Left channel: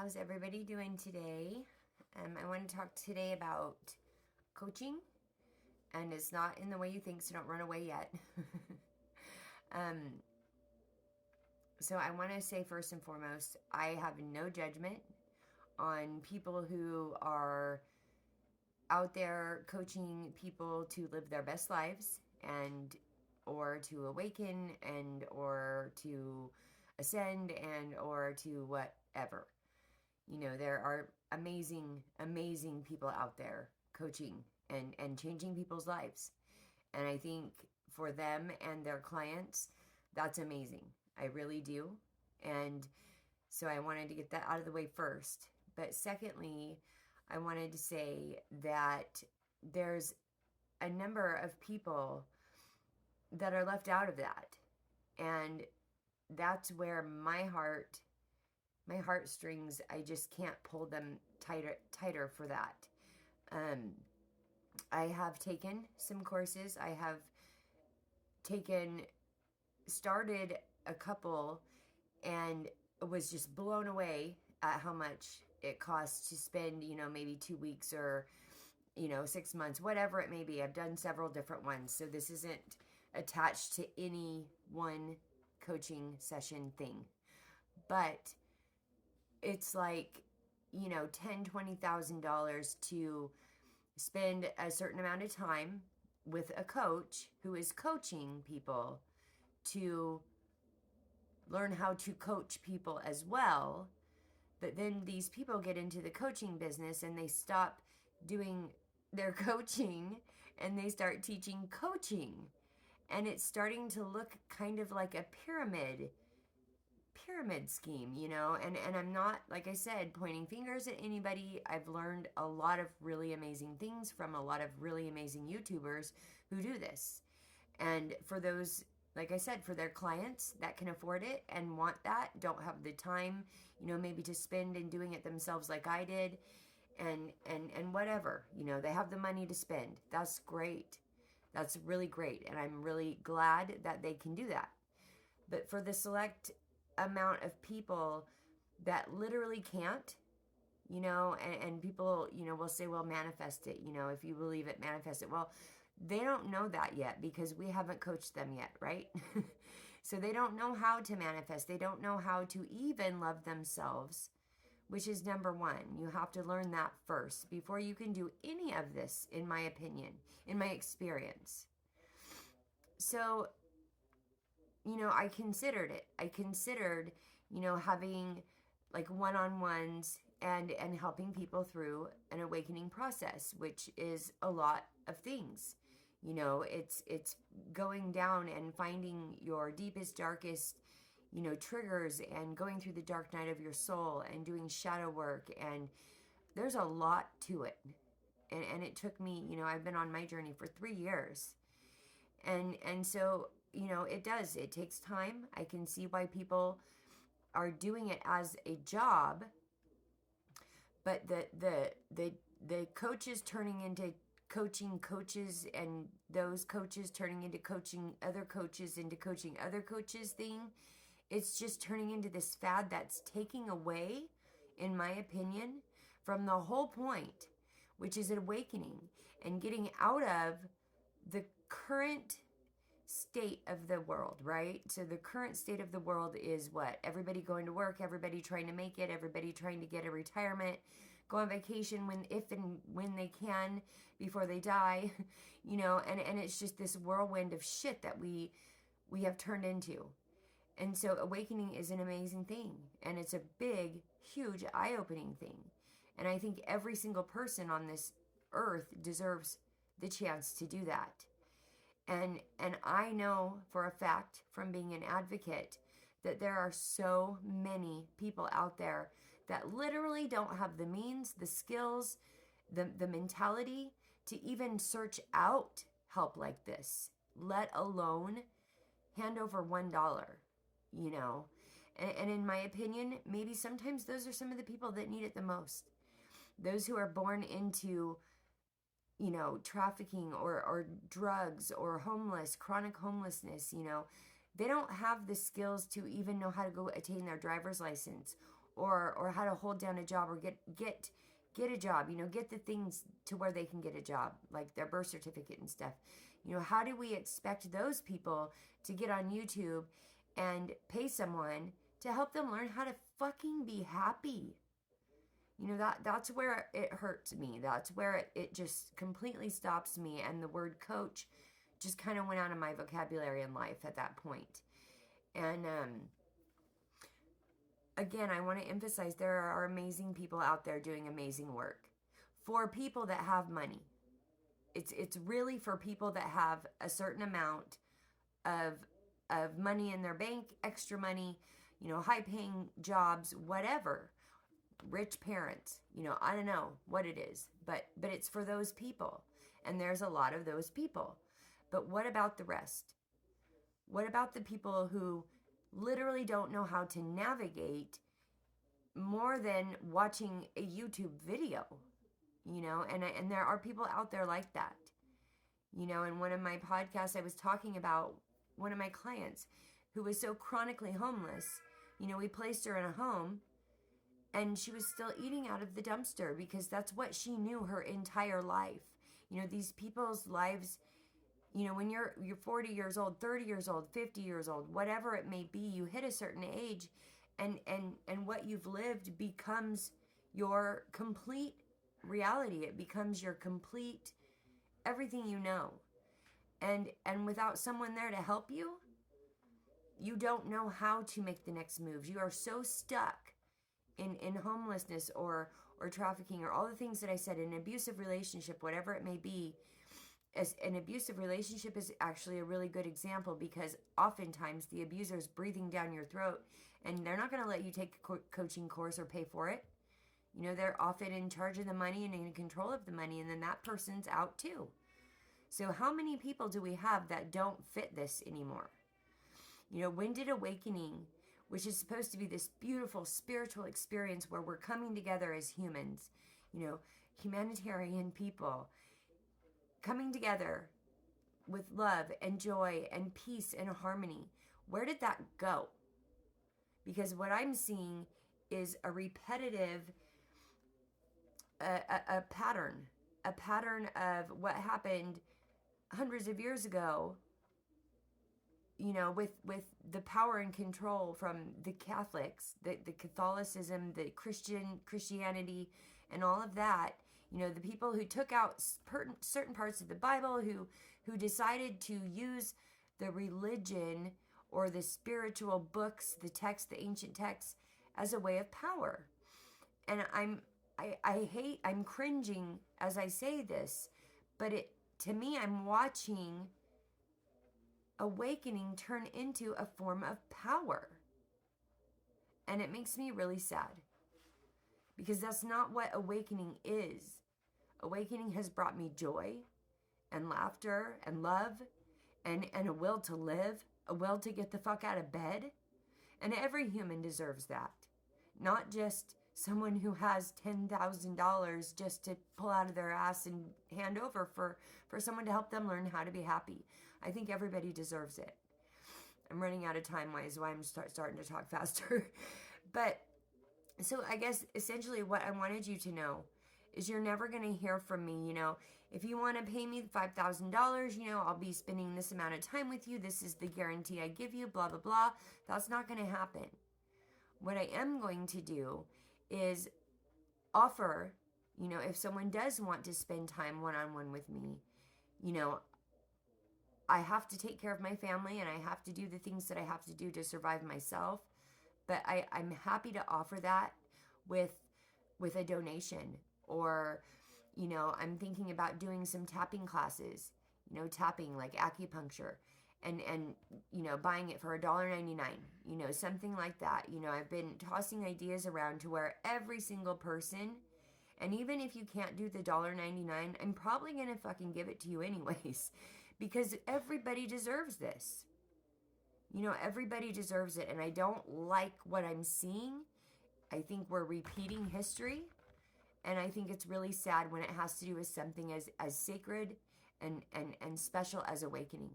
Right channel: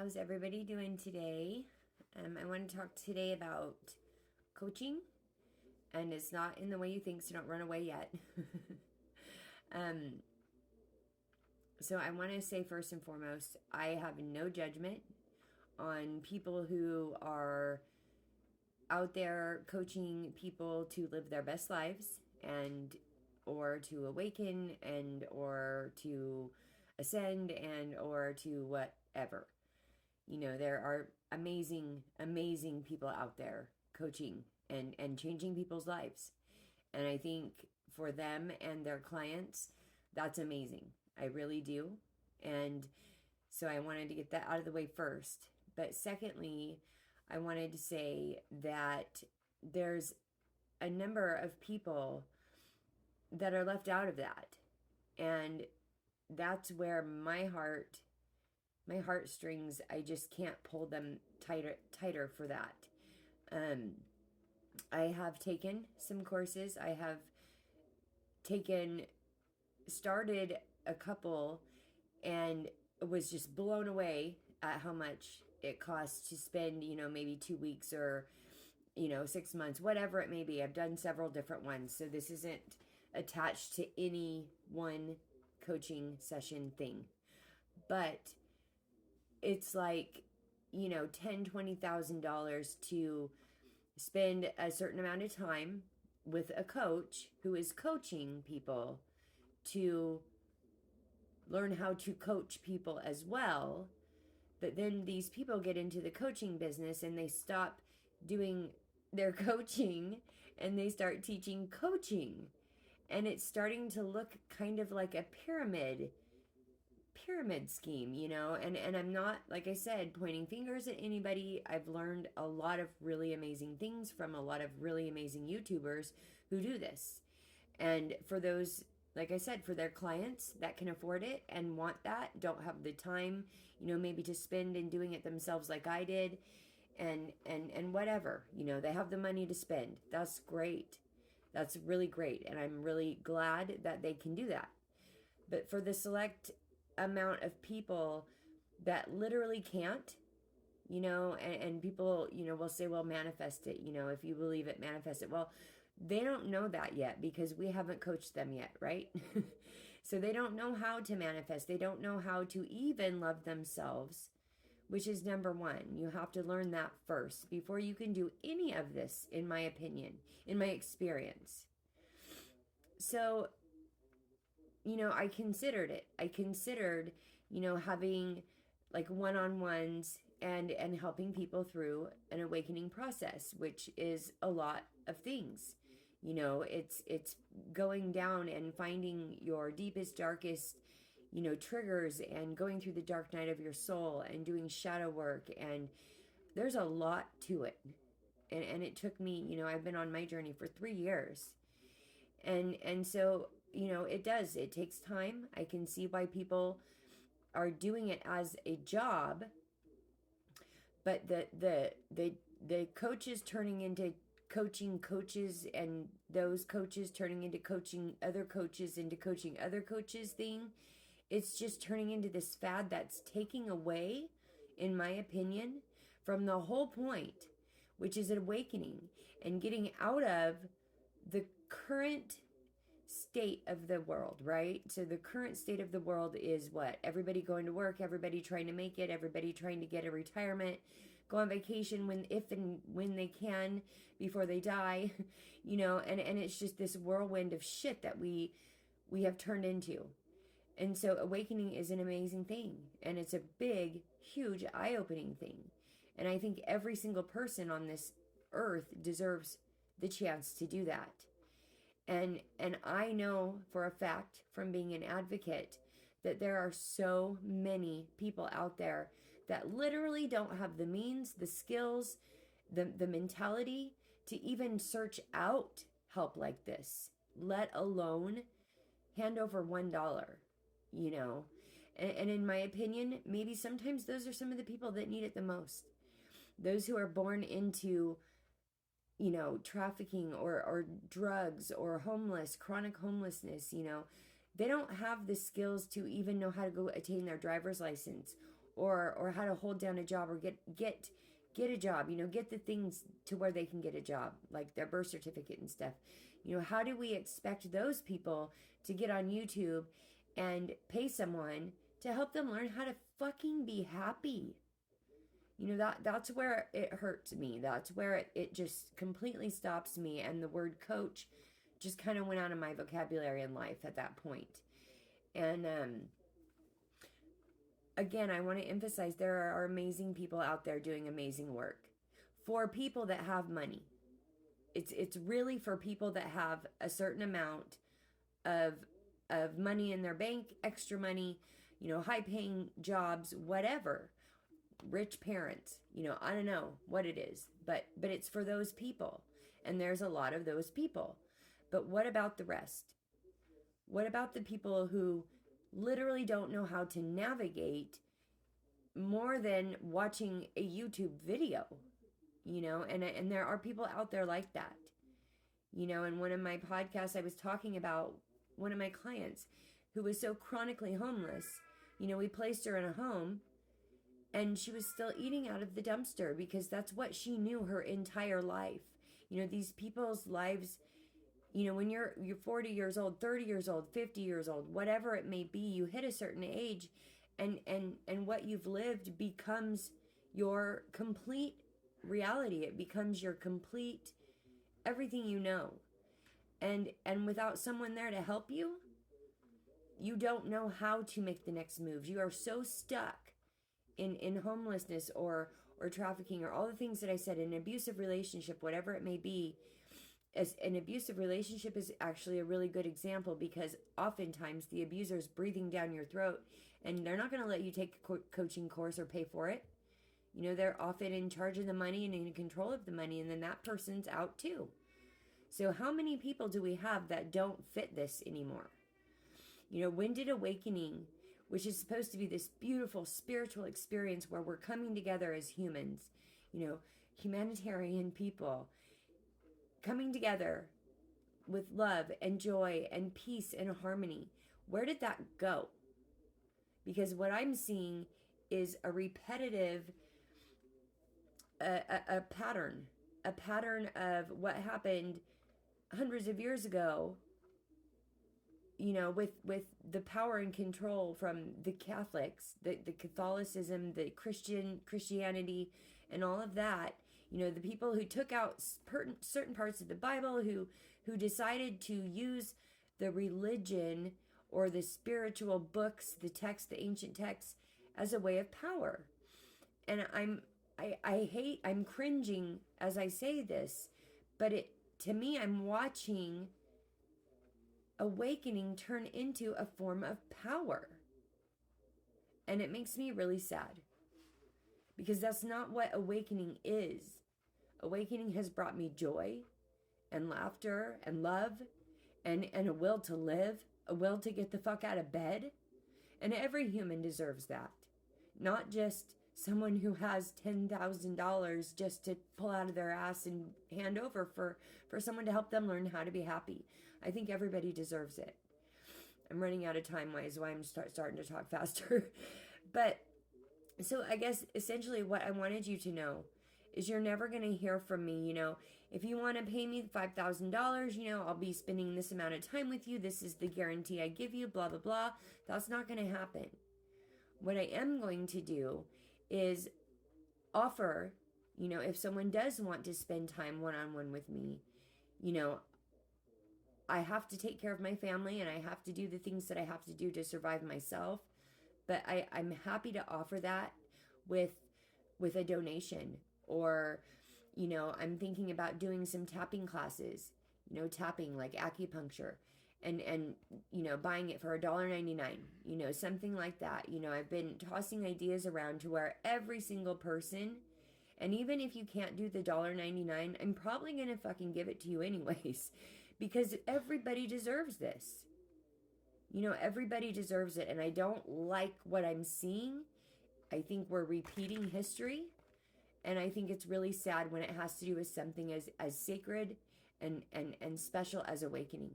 How's everybody doing today? I want to talk today about coaching, and it's not in the way you think, so don't run away yet. um, so I want to say first and foremost, I have no judgment on people who are out there coaching people to live their best lives and or to awaken and or to ascend and or to whatever. There are amazing people out there coaching and changing people's lives. And I think for them and their clients, that's amazing. I really do. And so I wanted to get that out of the way first. But secondly, I wanted to say that there's a number of people that are left out of that. And that's where my heartstrings, I just can't pull them tighter for that. I have taken some courses. I have started a couple, and was just blown away at how much it costs to spend, maybe 2 weeks or, 6 months, whatever it may be. I've done several different ones. So this isn't attached to any one coaching session thing. But it's like, $10,000-$20,000 to spend a certain amount of time with a coach who is coaching people to learn how to coach people as well. But then these people get into the coaching business and they stop doing their coaching and they start teaching coaching. And it's starting to look kind of like a pyramid scheme, and I'm not, like I said, pointing fingers at anybody. I've learned a lot of really amazing things from a lot of really amazing YouTubers who do this. And for those, like I said, for their clients that can afford it and want that, don't have the time, maybe to spend in doing it themselves like I did, and whatever, they have the money to spend. That's great. That's really great. And I'm really glad that they can do that. But for the select amount of people that literally can't, and people, will say, well, manifest it, if you believe it, manifest it. Well, they don't know that yet because we haven't coached them yet, right? So they don't know how to manifest. They don't know how to even love themselves, which is number one. You have to learn that first before you can do any of this, in my opinion, in my experience. So I considered it. I considered, having like one-on-ones and helping people through an awakening process, which is a lot of things. It's going down and finding your deepest, darkest, triggers and going through the dark night of your soul and doing shadow work. And there's a lot to it. And it took me, I've been on my journey for 3 years. And so, it takes time. I can see why people are doing it as a job, but the coaches turning into coaching coaches, and those coaches turning into coaching other coaches thing, it's just turning into this fad that's taking away, in my opinion, from the whole point, which is an awakening and getting out of the current state of the world, right? So the current state of the world is what? Everybody going to work, everybody trying to make it, everybody trying to get a retirement, go on vacation when they can before they die, and it's just this whirlwind of shit that we have turned into. And so awakening is an amazing thing, and it's a big, huge, eye-opening thing. And I think every single person on this earth deserves the chance to do that. And I know for a fact from being an advocate that there are so many people out there that literally don't have the means, the skills, the mentality to even search out help like this, let alone hand over $1, And in my opinion, maybe sometimes those are some of the people that need it the most. Those who are born into trafficking or drugs or homeless, chronic homelessness, they don't have the skills to even know how to go attain their driver's license or how to hold down a job or get a job, get the things to where they can get a job, like their birth certificate and stuff. How do we expect those people to get on YouTube and pay someone to help them learn how to fucking be happy? That's where it hurts me. That's where it just completely stops me. And the word coach just kind of went out of my vocabulary in life at that point. And again, I want to emphasize there are amazing people out there doing amazing work for people that have money. It's really for people that have a certain amount of money in their bank, extra money, high paying jobs, whatever. Rich parents, I don't know what it is, but it's for those people. And there's a lot of those people. But what about the rest? What about the people who literally don't know how to navigate more than watching a YouTube video? And there are people out there like that. In one of my podcasts, I was talking about one of my clients who was so chronically homeless. We placed her in a home, and she was still eating out of the dumpster because that's what she knew her entire life. These people's lives, when you're 40 years old, 30 years old, 50 years old, whatever it may be, you hit a certain age, and what you've lived becomes your complete reality. It becomes your complete everything you know. And without someone there to help you, you don't know how to make the next moves. You are so stuck in homelessness or trafficking or all the things that I said, an abusive relationship, whatever it may be. As an abusive relationship is actually a really good example, because oftentimes the abuser is breathing down your throat, and they're not going to let you take a coaching course or pay for it. They're often in charge of the money and in control of the money, and then that person's out too. So how many people do we have that don't fit this anymore? When did awakening, which is supposed to be this beautiful spiritual experience where we're coming together as humans, humanitarian people, coming together with love and joy and peace and harmony, where did that go? Because what I'm seeing is a repetitive, a pattern of what happened hundreds of years ago, with the power and control from the Catholics, the Catholicism, the Christianity, and all of that. The people who took out certain parts of the Bible, who decided to use the religion or the spiritual books, the text, the ancient texts, as a way of power. And I'm cringing as I say this, but to me, I'm watching awakening turn into a form of power. And it makes me really sad, because that's not what awakening is. Awakening has brought me joy and laughter and love and a will to live, a will to get the fuck out of bed. And every human deserves that. Not just someone who has $10,000 just to pull out of their ass and hand over for someone to help them learn how to be happy. I think everybody deserves it. I'm running out of time, why I'm starting to talk faster. But so I guess essentially what I wanted you to know is you're never going to hear from me. If you want to pay me $5,000, I'll be spending this amount of time with you. This is the guarantee I give you, blah, blah, blah. That's not going to happen. What I am going to do is offer, if someone does want to spend time one-on-one with me, I have to take care of my family and I have to do the things that I have to do to survive myself. But I'm happy to offer that with a donation, or, I'm thinking about doing some tapping classes, tapping like acupuncture, and buying it for $1.99, something like that. I've been tossing ideas around to where every single person, and even if you can't do the $1.99, I'm probably going to fucking give it to you anyways, because everybody deserves this. Everybody deserves it. And I don't like what I'm seeing. I think we're repeating history. And I think it's really sad when it has to do with something as sacred and special as awakening.